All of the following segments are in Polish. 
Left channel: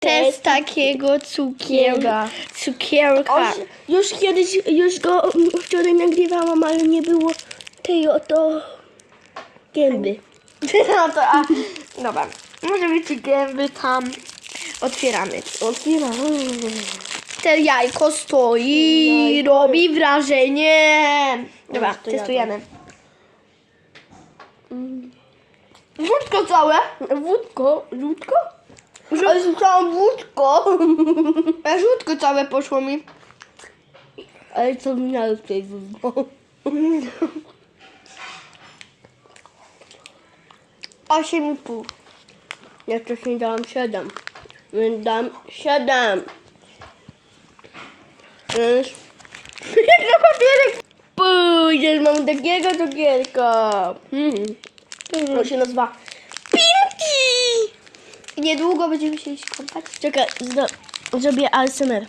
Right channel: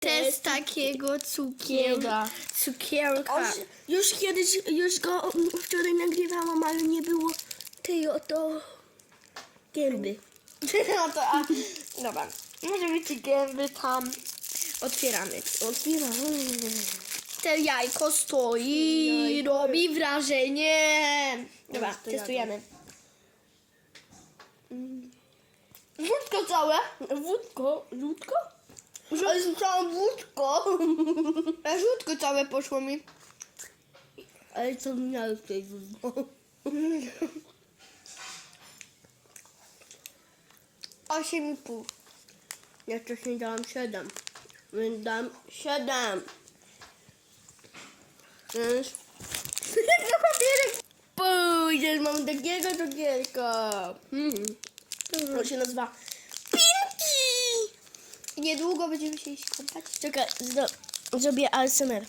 Test takiego cukier... Cukierka. cukierka. Już kiedyś, już go mm, wczoraj nagrywałam, ale nie było tej oto gęby. No to, a, dobra. Może być gęby tam. Otwieramy. Otwieram. Te jajko stoi, Jajko. robi wrażenie. Dobra, to testujemy. Wódko całe. Wódko, wódko? Ale słyszałam wódko. A żółtko całe poszło mi. Ale co miałeś tutaj wódko? Osiem i pół. Ja wcześniej dałam 7. Więc dam 7. Więc na papierek. pójdziesz, mam takiego cukierka. Mm. To się nazywa. Niedługo będziemy się iść kąpać. Czekaj, zro zrobię ASMR.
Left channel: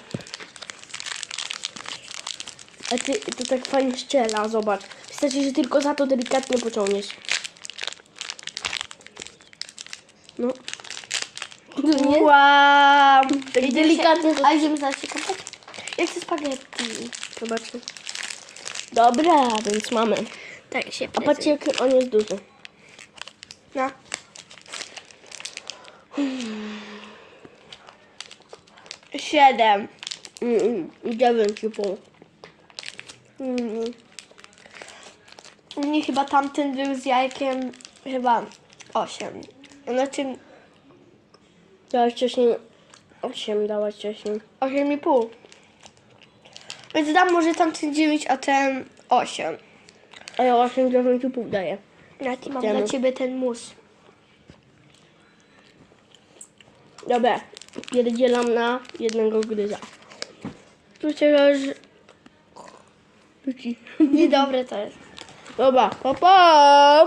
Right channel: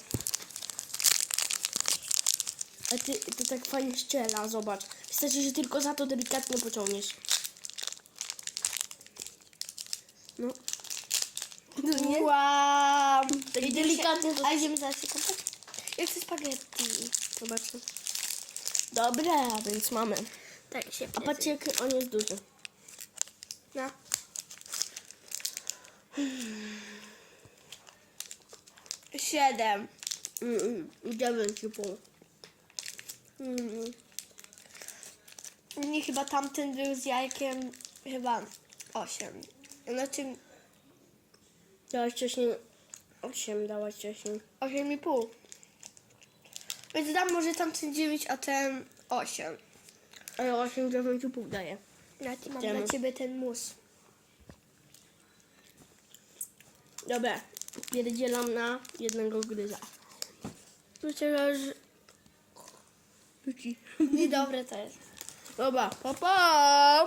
A ty, to tak fajnie strzela, zobacz. Wystarczy, że tylko za to delikatnie pociągniesz. No. No nie? Wow. Tak Idziemy delikatnie a idziemy zaraz się kąpać? Ja chcę spaghetti. Zobaczmy. Dobra, więc mamy. Tak się A patrzcie, jak on jest duży. No. Siedem. Dziewięć i pół. Mm. Nie, chyba tamten był z jajkiem chyba osiem. Znaczy Dałaś wcześniej... Osiem dałaś wcześniej. osiem i pół. Więc dam może tamten dziewięć, a ten osiem. A ja osiem, dziewięć i pół daję. Ja ci mam Temu. dla ciebie ten mus. Dobra, pierdzielam na jednego gryza. Przecież niedobre to jest. Dobra, pa pa!